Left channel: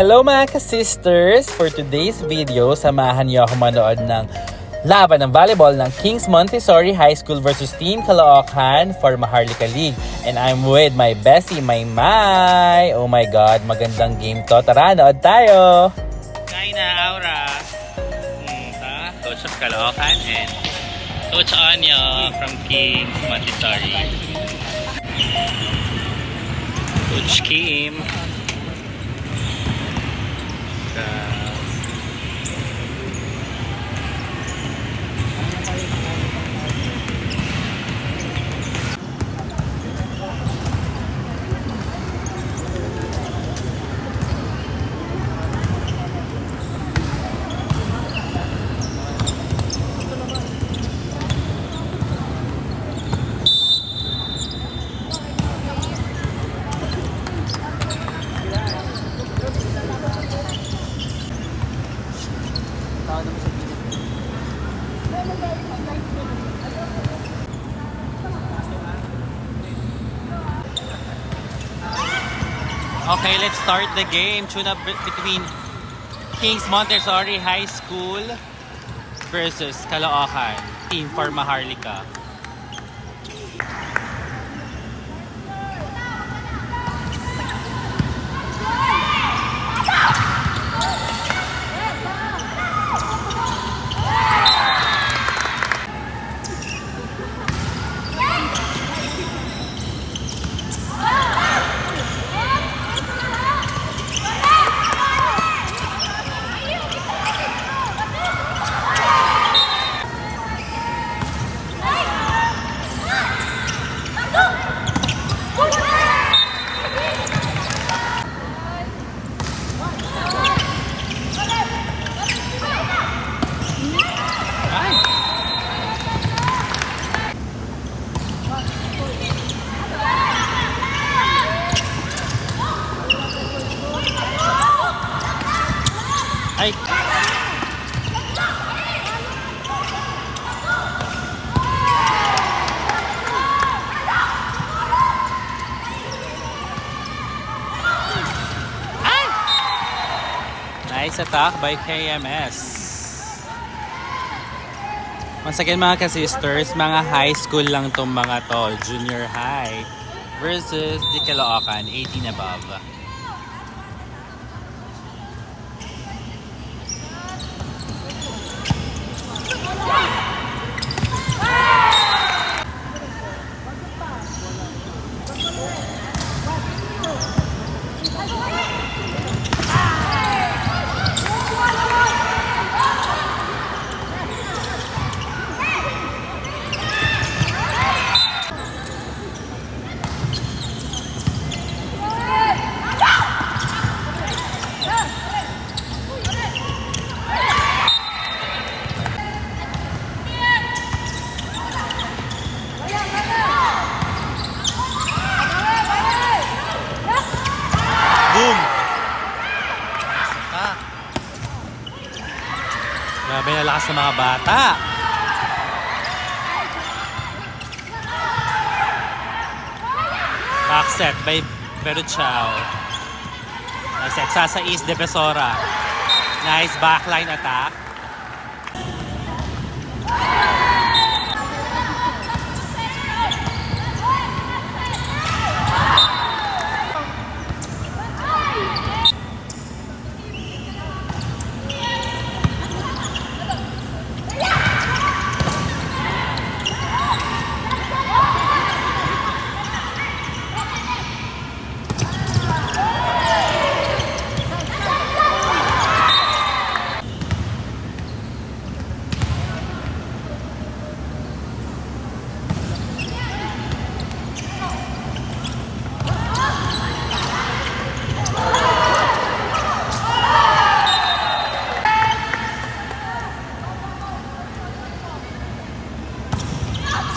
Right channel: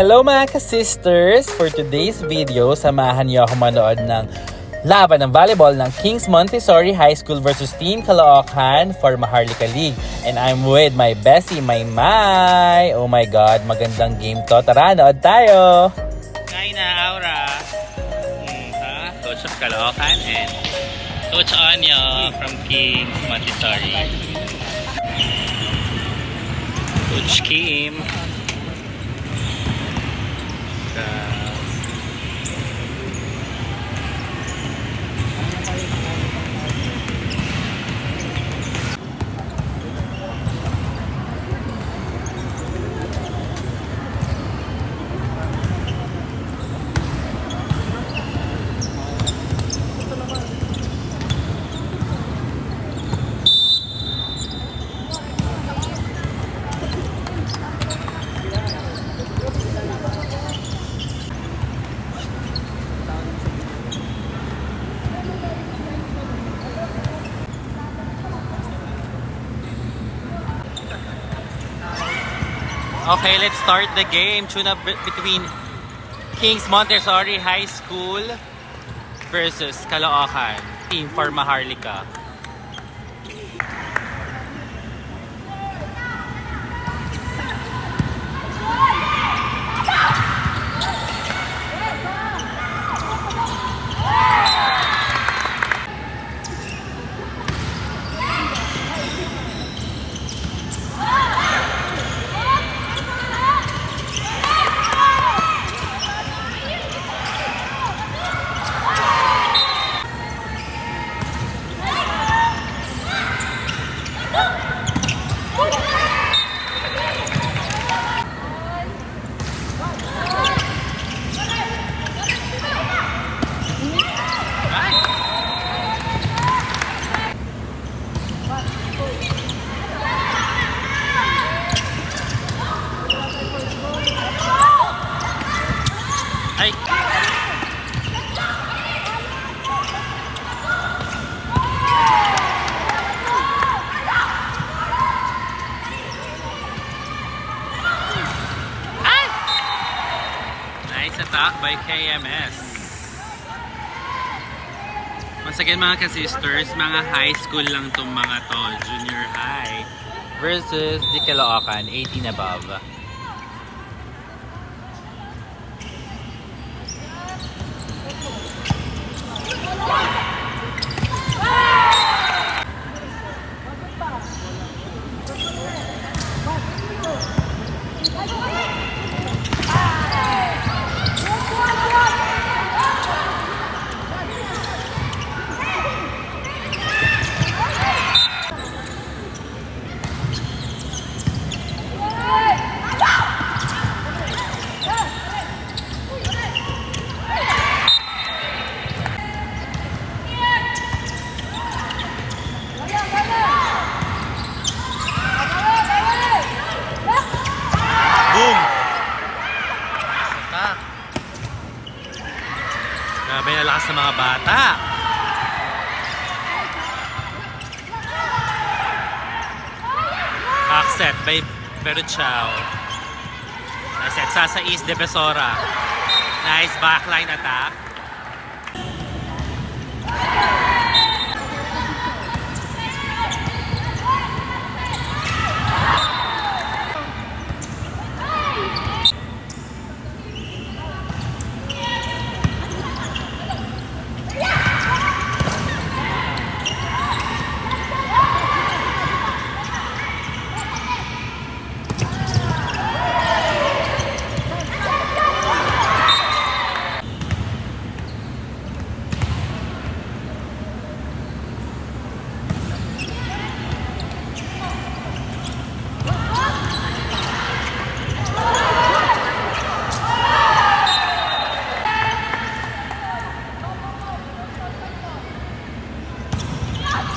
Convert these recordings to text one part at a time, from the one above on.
Hello mga ka-sisters! For today's video, samahan niyo ako manood ng laban ng volleyball ng Kings Montessori High School versus Team Caloocan for Maharlika League. And I'm with my bestie, my Mai! Oh my God, magandang game to. Tara, nood tayo! Kain na, Aura. Coach of Caloocan and Coach Anyo from Kings Montessori. Coach Kim. Okay, let's start the game. Tune up between Kings Montessori High School versus Caloocan Team for Maharlika. Ay! Nice attack by KMS. Once again mga ka-sisters, mga high school lang tong mga to, junior high versus the Caloocan, 18 above. Grabe na lakas ng mga bata. Back set by Beruchao. Nice set. Sasais Defensora. Nice backline attack.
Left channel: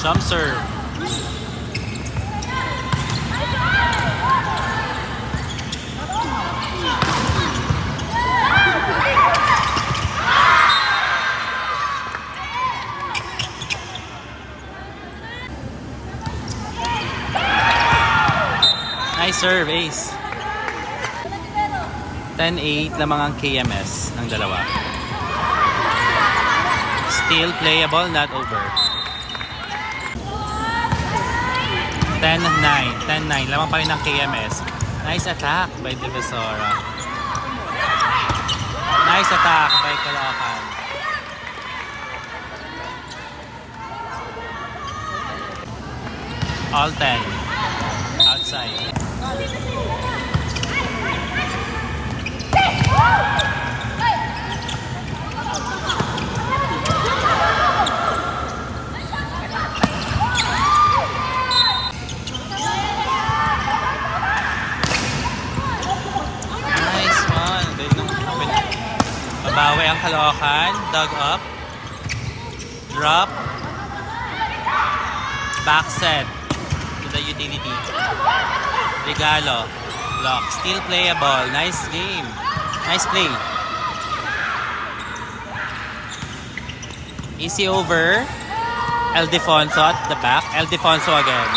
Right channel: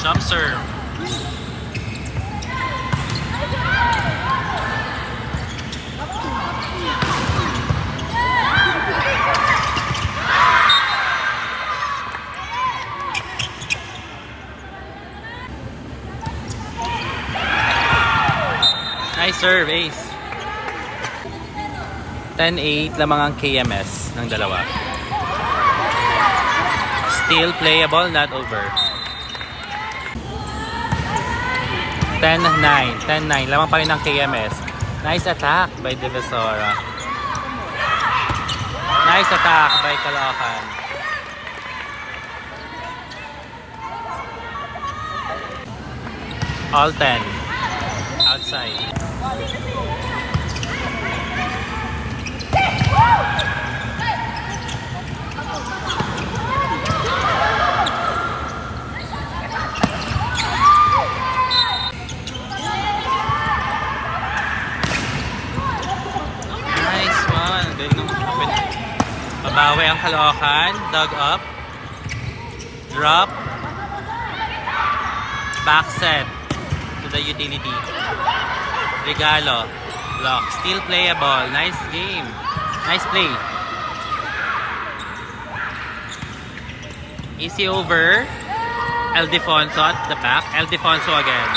Jump serve. Nice serve, ace. 10-8 lamang ang KMS ng dalawa. Still playable, not over. 10-9. 10-9. Lamang pa rin ng KMS. Nice attack by Divisora. Nice attack by Caloocan. All 10. Outside. Babawi ang Caloocan, dug up, drop, back set to the utility. Regalo, block, still playable, nice game, nice play. Easy over, Eldefonso at the back, Eldefonso again.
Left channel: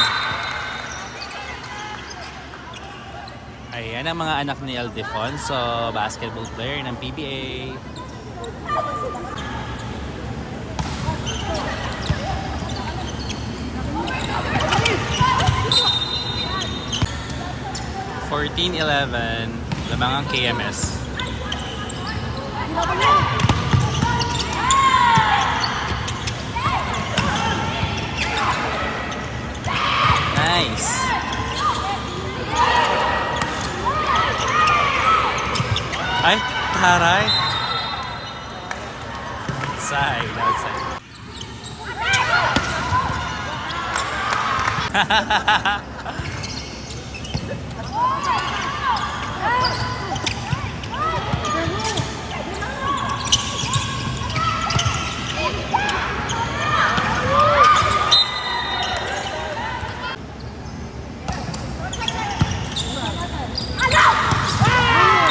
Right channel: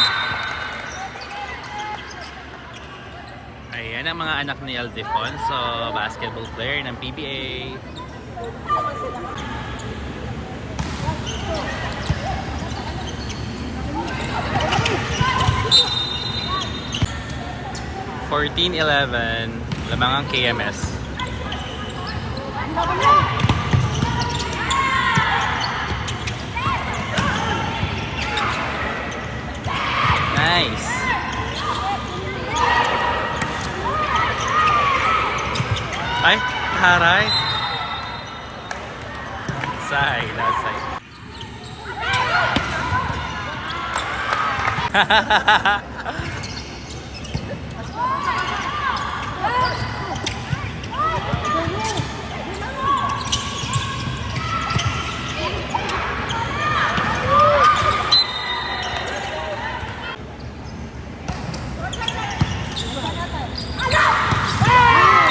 Ayan ang mga anak ni Eldefonso, basketball player ng PBA. (14-11) lamang ang KMS. Nice. Ay, taray. Outside, outside.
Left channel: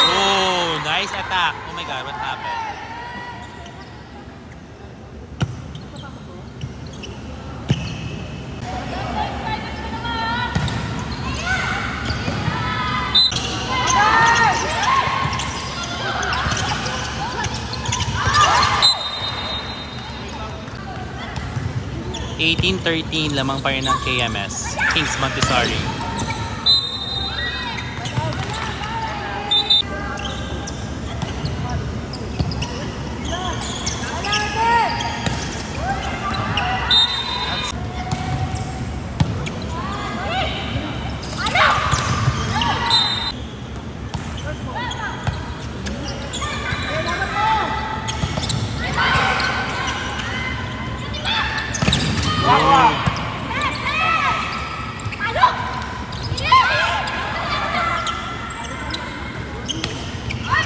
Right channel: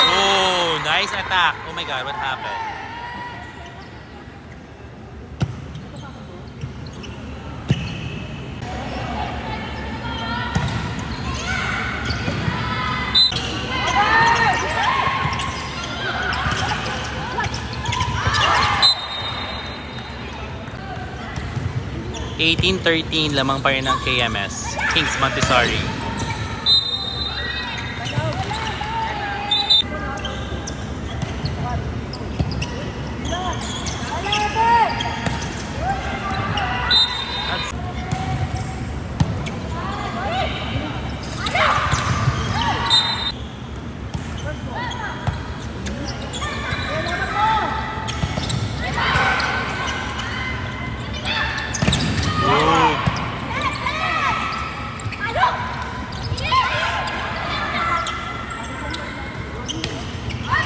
Oh, nice attack. Oh my God, what happened? (18-13) lamang pa rin ng KMS. Kings Montessori.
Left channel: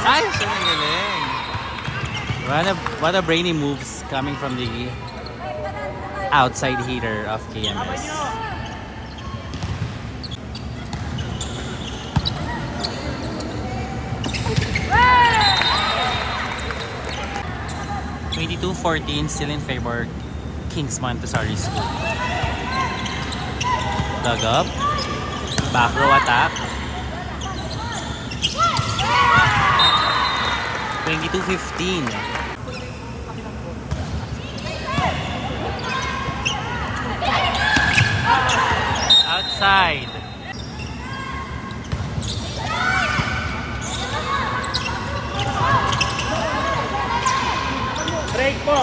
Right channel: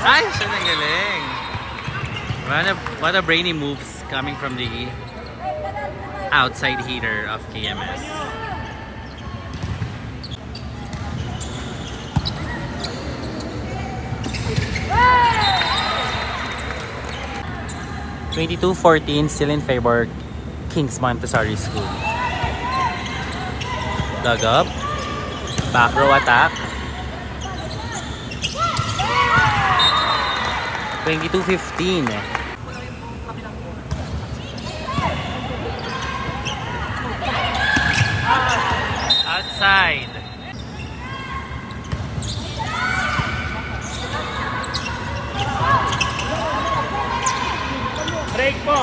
Ay, siya na galing. What a brainy moves coming from the outside hitter of KMS. (22-14) still in favor Kings Montessori School. Dug up. Back row attack. 22-15. Outside. Break po.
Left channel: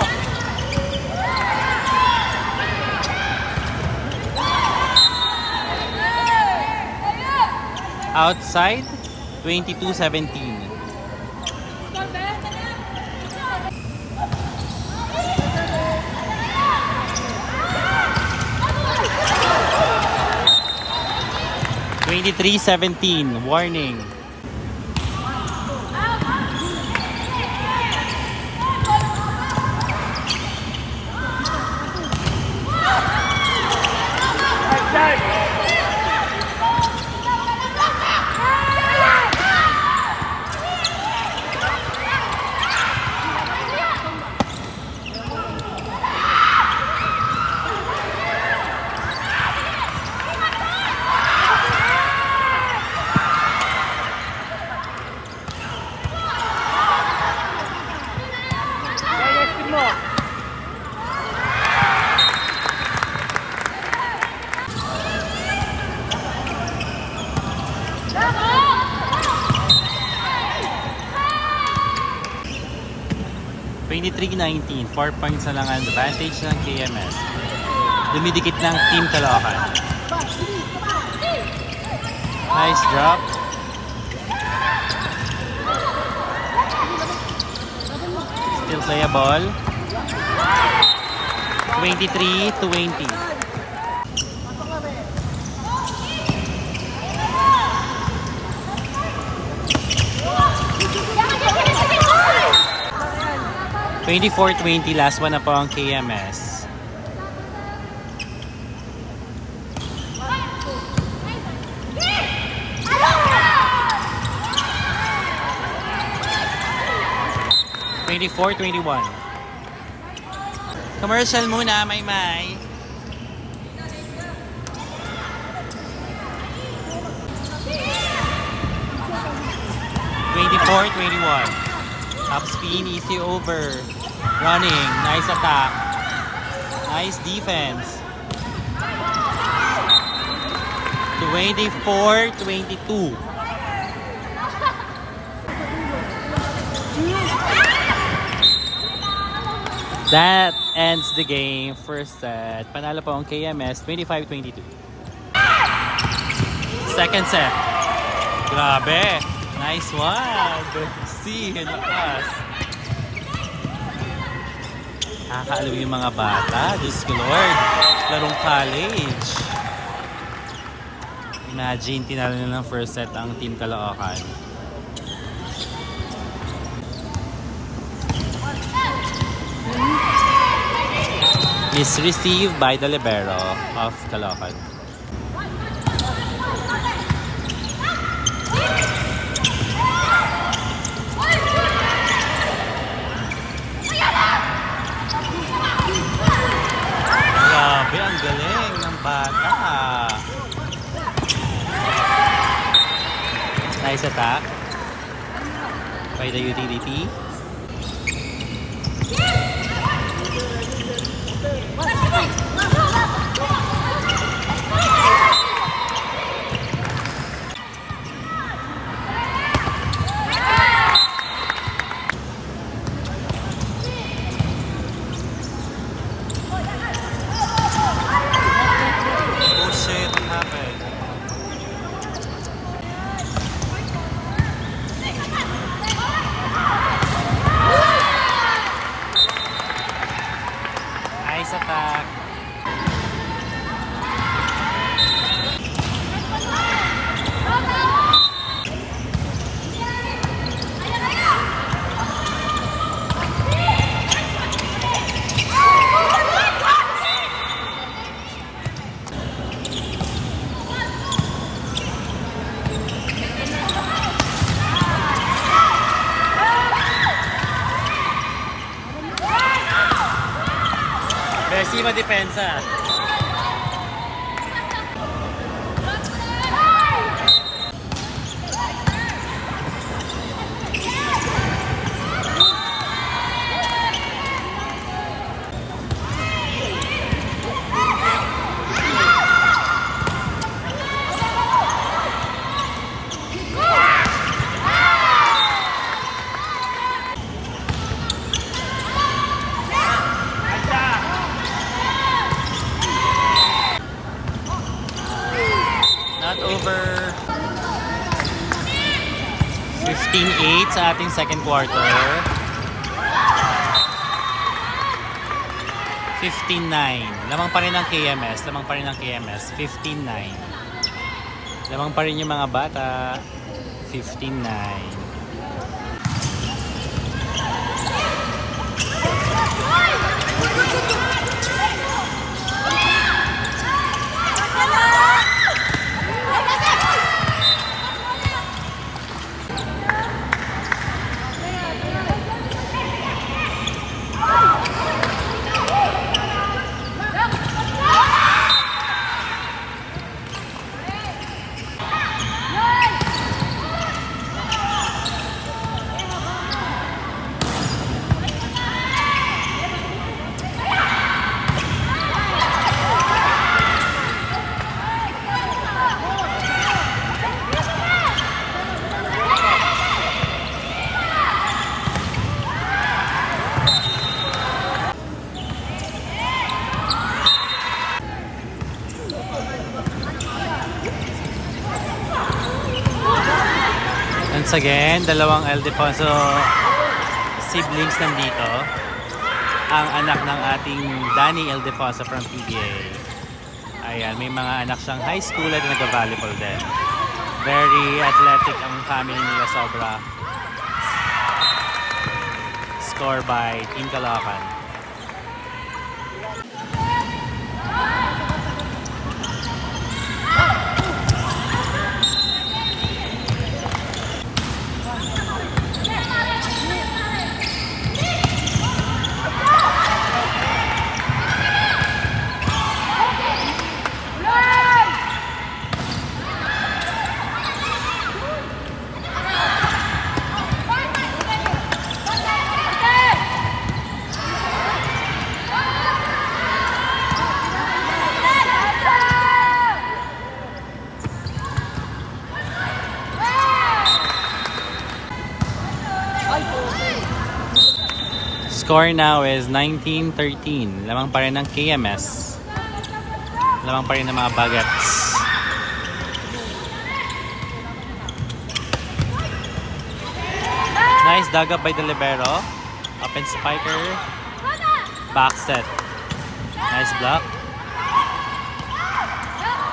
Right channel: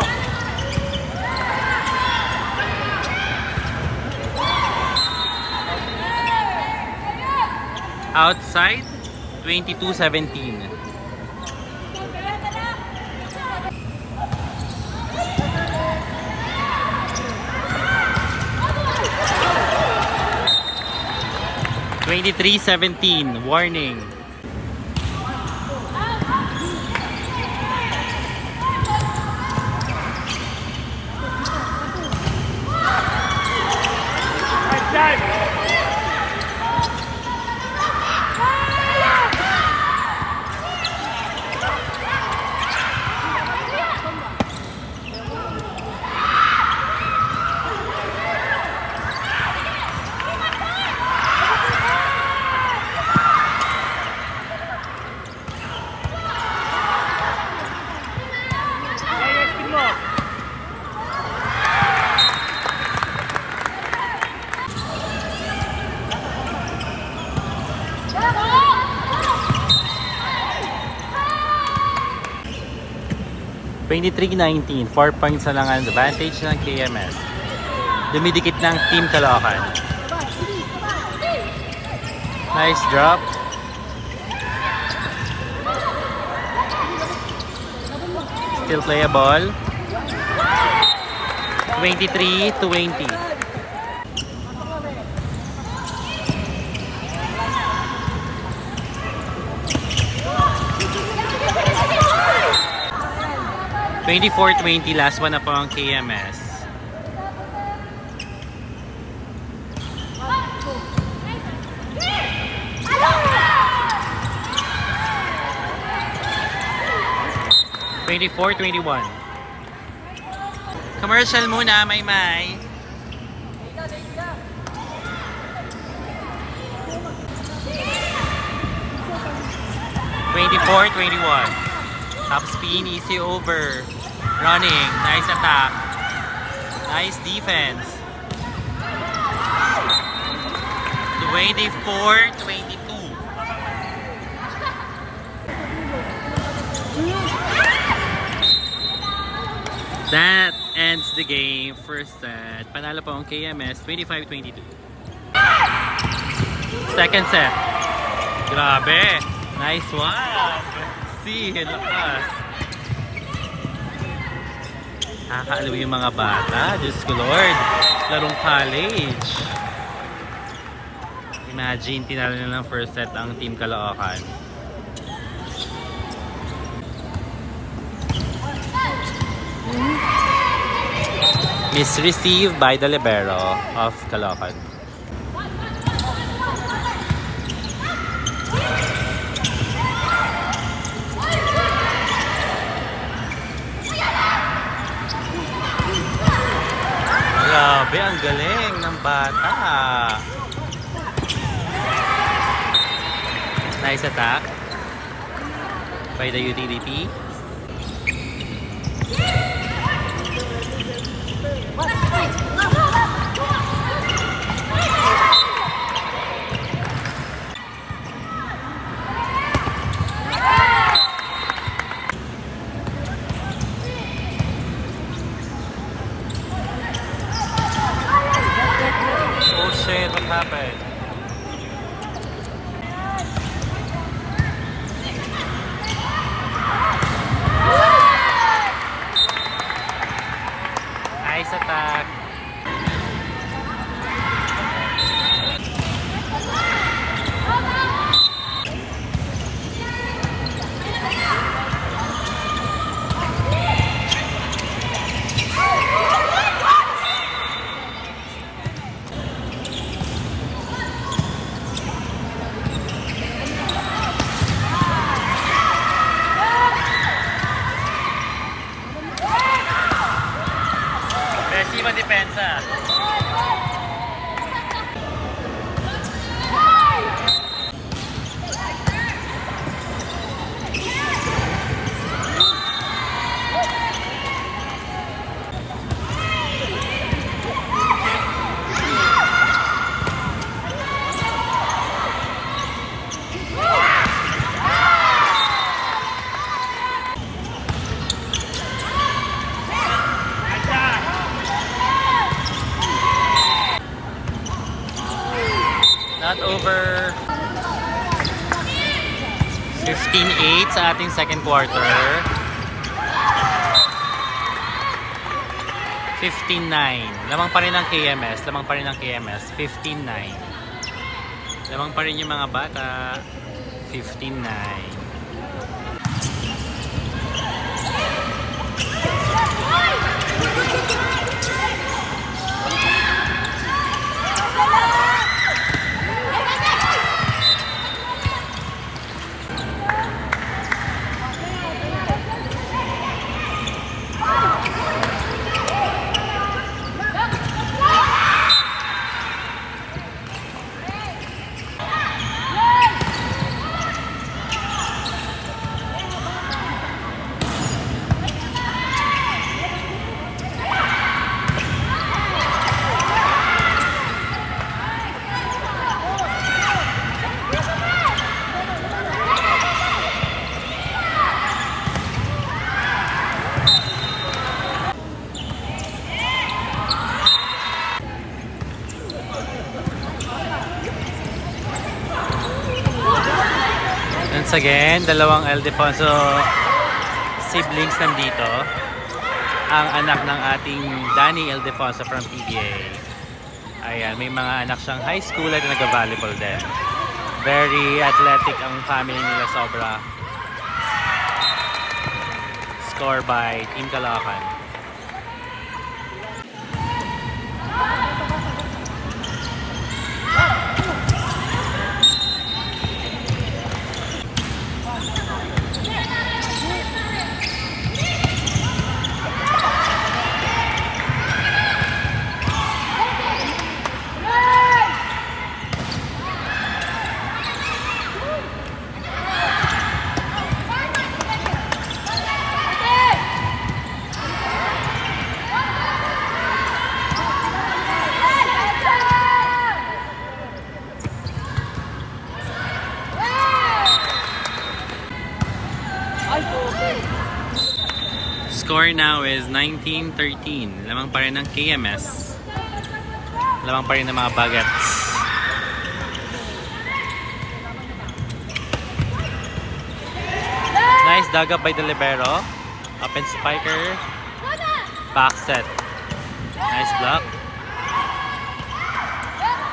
Outside. 22-17. (23-17) warning. 23-19. 4 points na lang ang advantage ng KMS. Dumidikit ng Team Caloocan. Nice drop. Still playable. 23-20. (24-20) last one na po ang KMS. (24-21) Commercial muna, Maymay. (24-21) Top spin, easy over. Running, nice attack. Nice defense. 24-22. That ends the game. First set. Panalo po ang KMS, 25-22. Second set. Grabe. Nice one. See, lakas. Nakakaalam yung mga bata. Diyos ko Lord. Larong college. Imagine, tinalo na ng first set ang Team Caloocan. Is received by the libero of Caloocan. Grabe, ang galing ng bata. Nice attack by the utility. Oh shit, what happened? Nice attack. Reciba depensa. Not over. 15-8 sa ating second quarter. 15-9. Lamang pa rin ang KMS. 15-9. Lamang pa rin yung mga bata. 15-9. Once again, dalawang Ildefonso siblings nandito. Ang anak ng ating Danny Ildefonso from PBA. Ayan, may mga anak siyang high school at nag-volleyball din. Very athletic ang family nila, sobra. Score by Team Caloocan. Score now is 19-13. Lamang pa rin ng KMS. Lamang pa rin ng mga Bagets. Nice dug up by the libero. Open spiker. Back set. Nice block.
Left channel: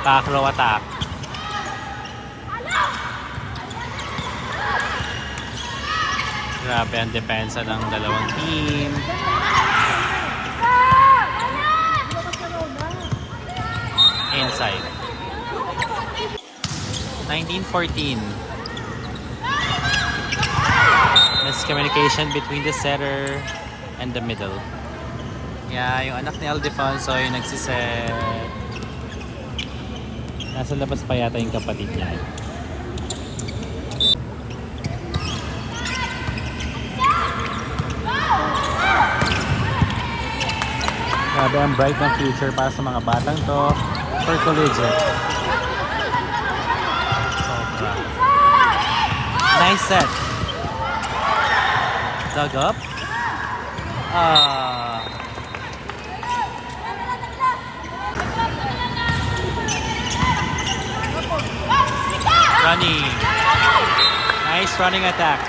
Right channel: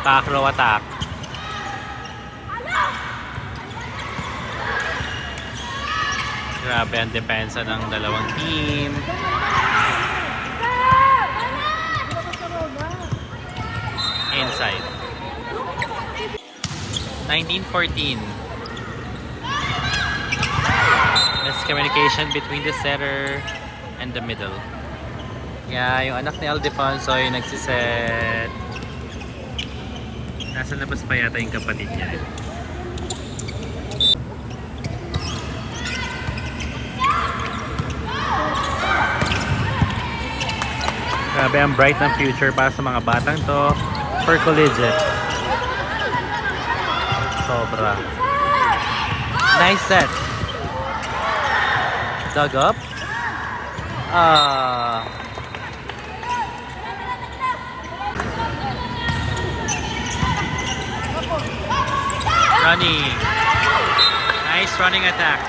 Back row attack. Grabe ang depensa ng dalawang team. Inside. 19-14. Miscommunication between the setter and the middle. Yeah, yung anak ni Ildefonso yung nagsiset. Nasa labas pa yata yung kapatid niya. Grabe ang bright ng future para sa mga batang to for collegiate. Sobra. Nice set. Dug up. Running. Nice running attack.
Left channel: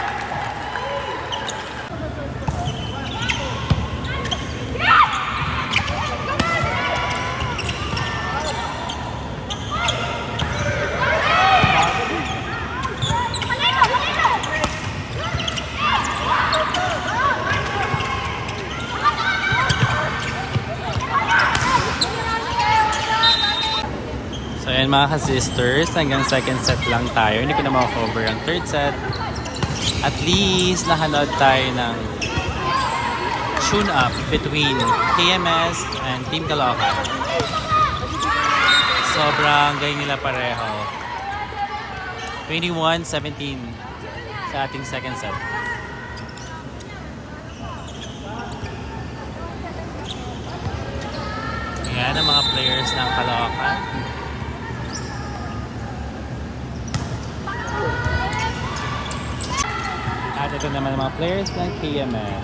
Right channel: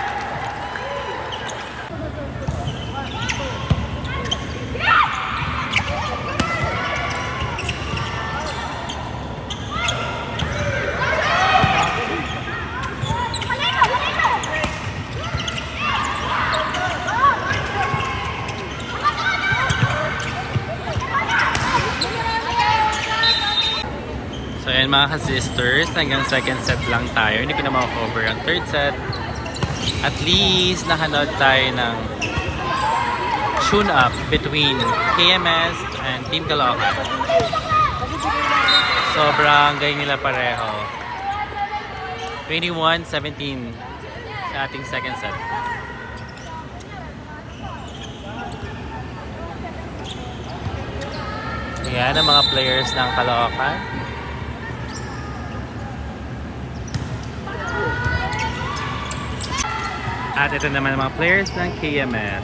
So ayan mga ka-sisters, hanggang second set lang tayo. Hindi ko na makakover ang third set. At least nakanood tayo ng soon up between KMS and Team Caloocan. Sobrang galing nila pareho. 21-17 sa ating second set. Ayan ang mga players ng Caloocan. At ito naman ang mga players ng KMS.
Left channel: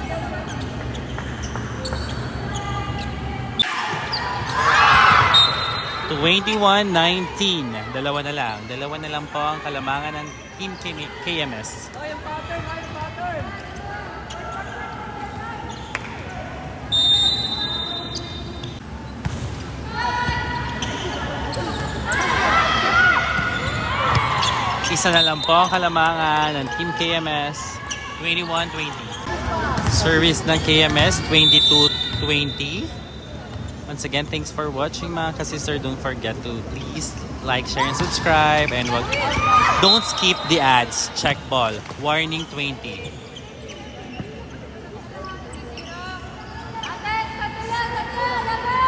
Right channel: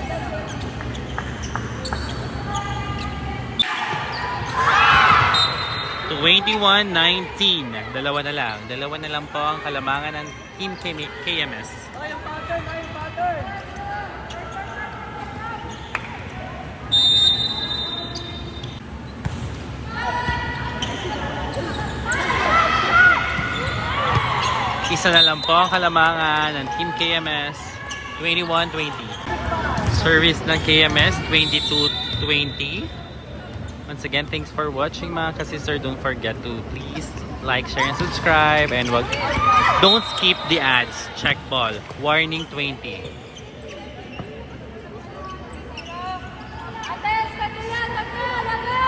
(21-19). Dalawa na lang. Dalawa na lang po ang kalamangan ng Team KMS. Isa na lang po ang kalamangan ng Team KMS. 21-20. Service ng KMS, 22-20. Once again, thanks for watching mga ka-sister. Don't forget to please like, share, and subscribe. And don't skip the ads. Check ball. Warning 20.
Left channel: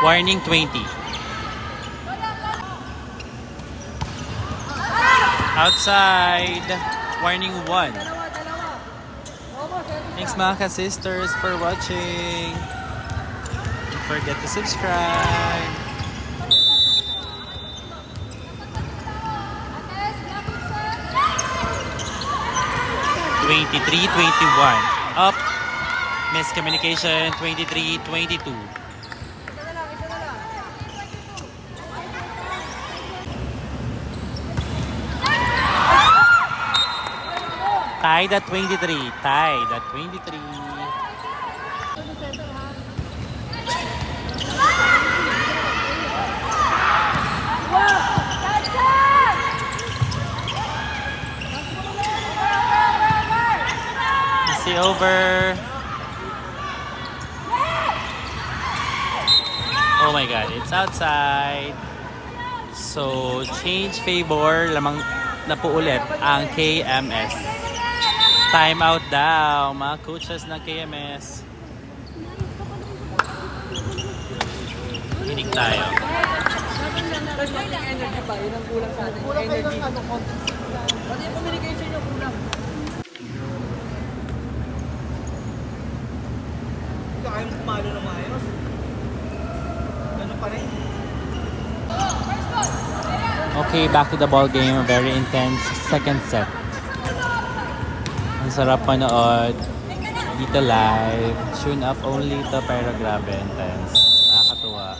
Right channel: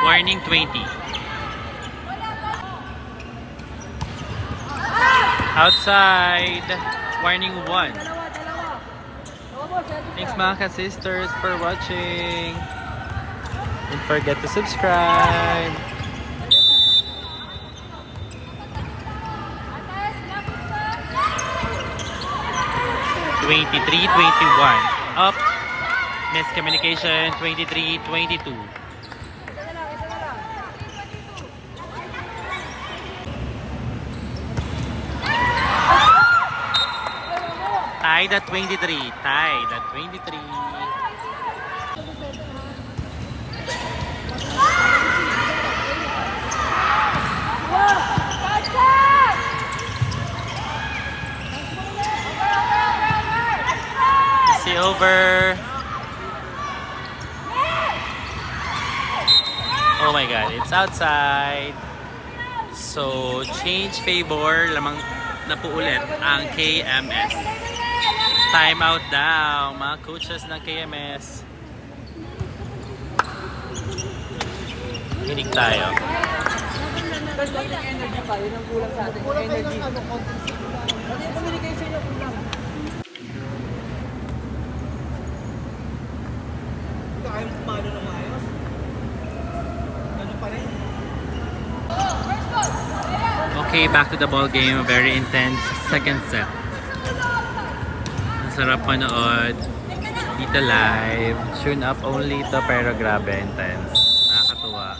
Warning 20. Outside. Warning 1. Thanks mga ka-sisters for watching. Don't forget to subscribe. (23-21). Up. Miscommunication. 23-22. Tied at 23. Tied at 23. See over. Oh my god, it's outside. So, change favor. Lamang na po ulit ang KMS. Time out daw, mga coaches ng KMS. Hinig tayo. Energy pa, yun ang kulang sa atin. Kulang kayo ng content sync lang. Pati yung communication nyo kulang. Hindi kayo pumalo ng maayos. Ganun pa rin. Okay, back to the ball game. A very intense second set. Ang sarap manood. Dito live. Tune up only to pero grabe intense. Nakakatuwa.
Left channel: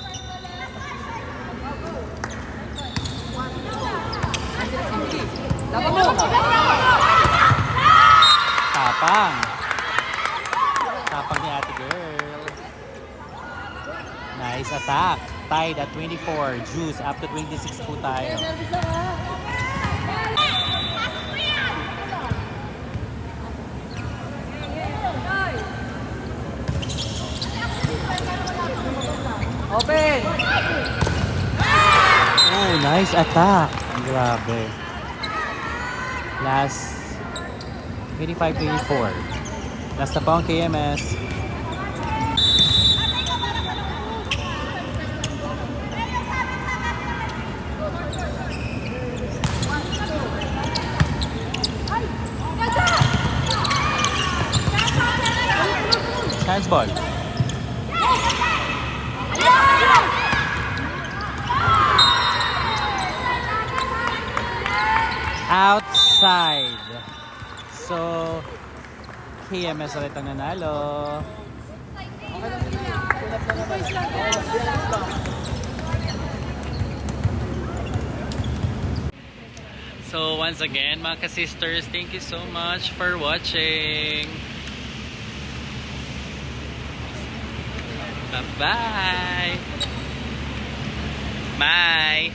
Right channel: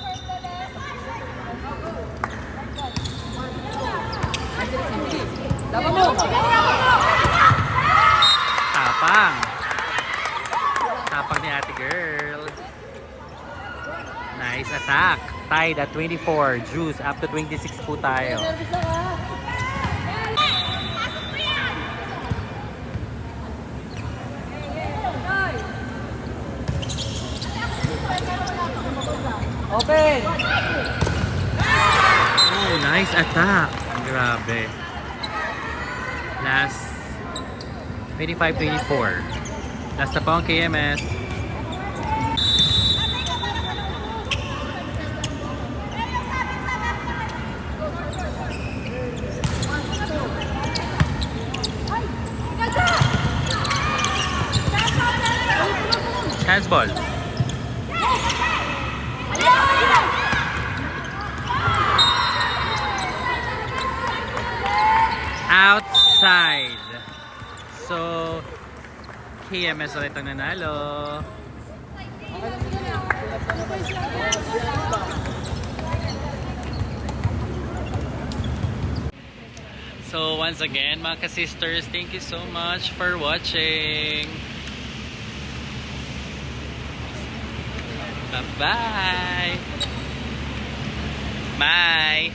Tapang. Tapang ni ate girl. Nice attack. Tied at 24. Juice up to 26 po tayo. Open! Oh, nice attack. Grabe. Last 25-24. Last na po ang KMS. Handsball. Outside. So, KMS ulit ang nanalo. So, once again, mga ka-sisters, thank you so much for watching. Bye-bye. Bye.